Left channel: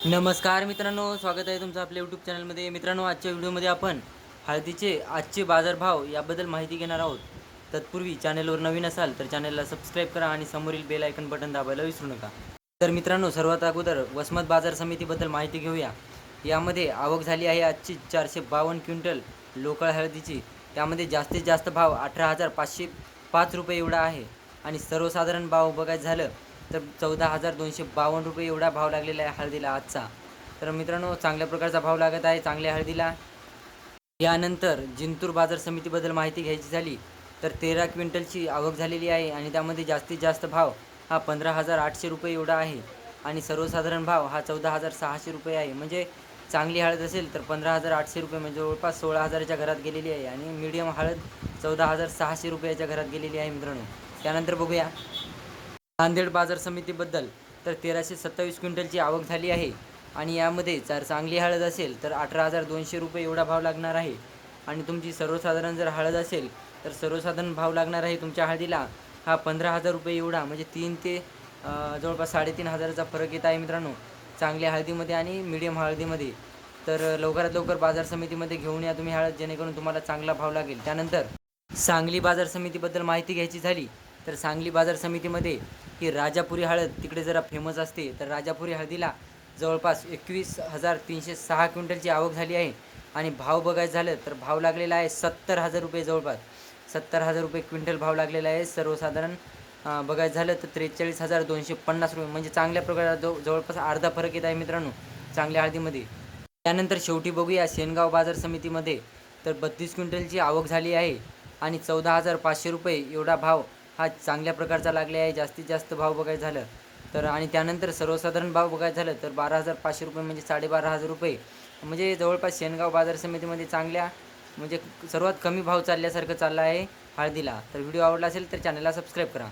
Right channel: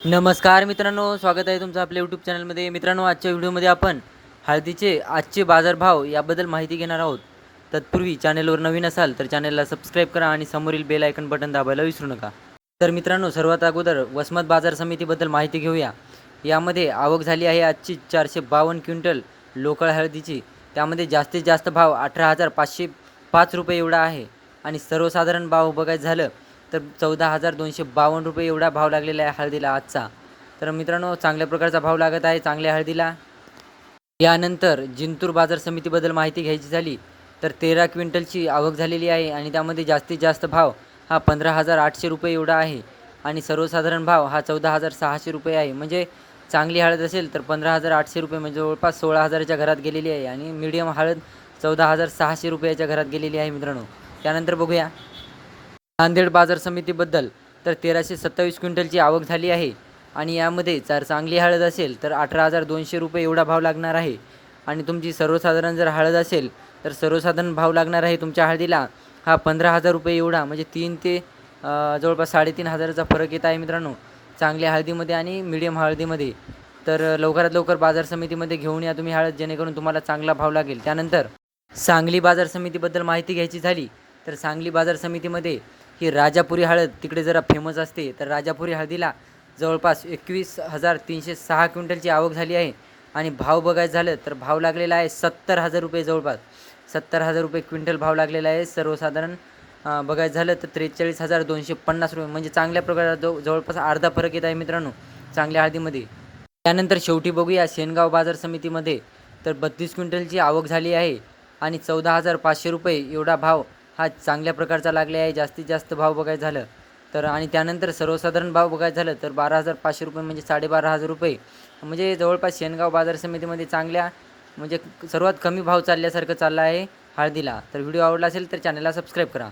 नमस्कार मित्रांनो स्वागत आहे तुमचं आपल्या यूट्यूब चॅनलमध्ये मित्रांनो आजच्या व्हिडिओमध्ये आपण हळदीचे आजचे बाजारभाव याबद्दल माहिती घेणार आहोत. तत्पूर्वी चॅनलवर नवीन असाल तर चॅनलला सबस्क्राईब करा आणि समोरील बेल आयकन बटन दाबायला विसरू नका. तर मित्रांनो सर्वात अगोदर वसमत बाजार समितीबद्दल माहिती घेऊया. यामध्ये आवक झाली आहे आजची चारशे बावन्न क्विंटल लोकळ हळदीची. त्यामध्ये जास्तीत जास्त भाव अठरा हजार पाचशे पाच रुपये एवढा आहे. आणि सर्वसाधारण भाव बघायचं झालं तर चौदा हजार दोनशे बावन्न रुपये एवढा भाव लागलेला आहे हळदीला आजचा. तर मित्रांनो चांगल्या प्रकारचा भाव लागत आहे चांगल्या हळदीला. यानंतर जिंतूर बाजार समितीबद्दल माहिती घ्यायची झाली तर तेरा क्विंटलची आवक झालेली आहे आणि त्यामध्ये जास्तीत जास्त भाव हा पंधरा हजार आठशे रुपये एवढा आहे आणि सर्वसाधारण भाव हा चौदा हजार सहाशे रुपये आहे. म्हणजे चांगली हळद असेल तर पंधरा हजार आठशे रुपये म्हणजे जवळपास सोळा हजाराच्या घरात गेलेली आहे आणि मीडियम हळद चौदा हजार सहाशे रुपयाच्या घरात गेलेली आहे मित्रांनो. त्यानंतर बघूया. नांदेड बाजार समितीबद्दल तर तेराशे सत्तावीस क्विंटलची आवक झाली आहे. आणि यामध्ये जर चांगली हळद असेल तर अठरा हजार दोनशे रुपये एवढा भाव लागणार आहे. आणि तुमची सर्वसाधारण जर हळद असेल तर सर्वसाधारण भाव लागणार आहे तुमच्या हळदीला. हा पंधरा हजार रुपये एवढा म्हणजे तीन ते जवळपास साडेतीन हजाराचा फरक येत आहे मित्रांनो. चांगल्या हळदीमध्ये आणि मिडियम हळदीमध्ये. तर लवकरात लवकर बाजार समितीमध्ये घेऊन या तुम्ही हळद जेणेकरून तुम्हाला चांगला भाव लागेल. त्यानंतर सांगली बाजार समितीबद्दल माहिती घ्यायची झाली तर सांगली बाजार समितीमध्ये ही राजापुरी हळद तिकडे जरा फेमस असते. तर राजापुरी हळदीला जवळपास एकवीस हजार तीनशे सहा क्विंटलची आवक झाली आहे. आणि भाव बघायचं झालं तर भाव लागलेला आहे सत्तर हजार रुपये जवळपास. सत्तर हजार रुपये क्विंटल भाव लागलेला आहे. सर्वसाधारण बघायचं झालं तर त्रेचाळीस हजार दोनशे पन्नास रुपये. म्हणजे चांगल्या प्रकारे जव जवळपास अर्धा फरक येत आहे मित्रांनो चांगल्या हळदीमध्ये. त्यानंतर शेवटी बघूया शेनगाव बाजार समितीमध्ये तर बत्तीस क्विंटलची आवक झाली आहे. आणि चौदा हजार पाचशे रुपये एवढा भाव हा चांगल्या प्रकारचा लागले आहे जास्तीत जास्त भाव बघायचं झालं तर आणि त्यानंतर सर्वसाधारण भाव बघायचं झालं तर बारा हजार पाचशे रुपये म्हणजे साडेबारा हजार रुपये. म्हणजे जवळपास शेनगाव बाजार समितीमध्ये चांगल्या म्हणजे सर्वात कमी भाव चालल्यासारखं चाललं आहे हळदीला. तर व्हिडिओ आवडला असेल तर चॅनलला सबस्क्राईब करा.